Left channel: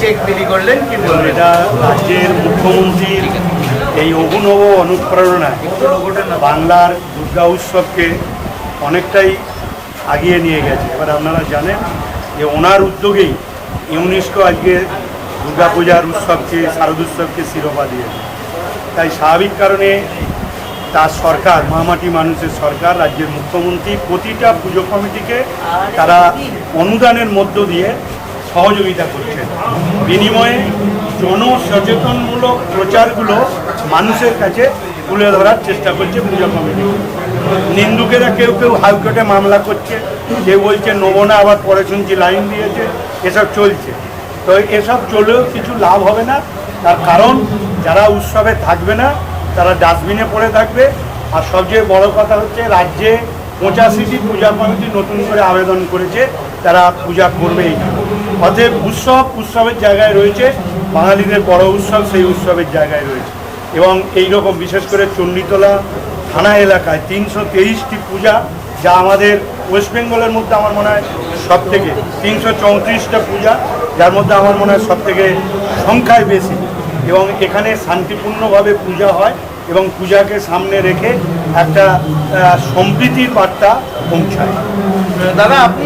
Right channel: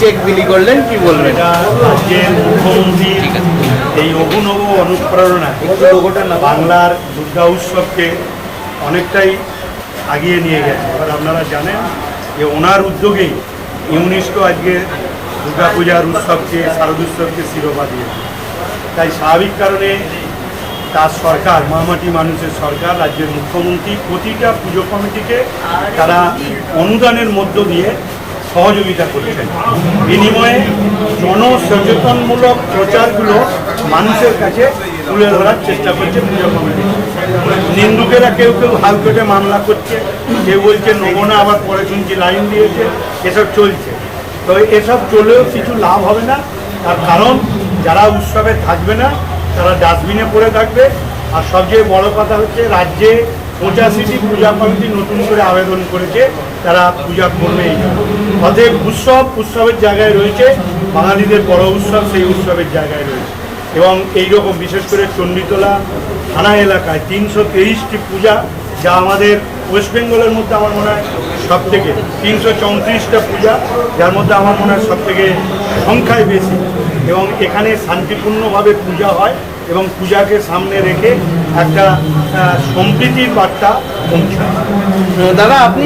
Check বিলি করলেন কি বলবেন মুখ্যমন্ত্রী এই অভিনব অনুপ্রেরণা বাংলার দুর্গা উৎসবকে অনেকটাই আগিয়ে নিয়ে গেছে। এবার আপনারা জানেন যে ওনার উদ্যোগেই ইউনেস্কো আজকে দুর্গাপূজার উৎসবকে শারদোৎসবকে শিরোপা দিয়েছে। তাই স্বাভাবিক কারণে তার সরকার মামাটি মানুষের সরকার রাজ্যের মুখ্যমন্ত্রী প্রতিটা পুজো কমিটিকে তারা অনুদানের মধ্য দিয়ে সহযোগিতা করছেন। বিনিময়ে জনসচেতনমূলক প্রচারগুলো মানুষের কাছে তুলে ধরার চেষ্টা করছে পূজা কমিটি। নিন্দুকেরা কেউ কেউ হালকটে মামলা করছে, কেউ বলছে, নেব আবার পরে শুনছি লাইন দিয়েছে। এসব চলছে। তো এসব চলেও কিছু লাভ হবে না। তার কারণ, যারা উৎসবে থাকবে না, তারা ডাস্টবিনে পড়ে থাকবে। আর সবচেয়ে বড় কথা হচ্ছে, রাজ্যে পঁচাশিটি পূজা কমিটি নতুন করে আবেদন করেছে, তারা পূজা করবেই অতএব উৎসব উৎসবের জায়গায় রয়েছে, বাঙালিদের বড় উৎসব সেই উৎসবের জায়গায় রয়েছে। এবং এই রকম বিশেষ করে চণ্ডীতলা থানা এলাকায় তিনশো তেইশটি পূজা, যা আমাদের ওয়েস্ট বেঙ্গলের মধ্যে আমার মনে হয় সব থেকে তিনশো চৌত্রিশটা পূজা, যার মধ্যে আমার মনে হয় সব থেকে সংখ্যায় বেশি। এবং এখানে শান্তিপূর্ণভাবে পূজা হয়। এবং পূজাকে সামনে রেখে একটা সম্প্রীতির বার্তা পৌঁছায়। দাদা আপনি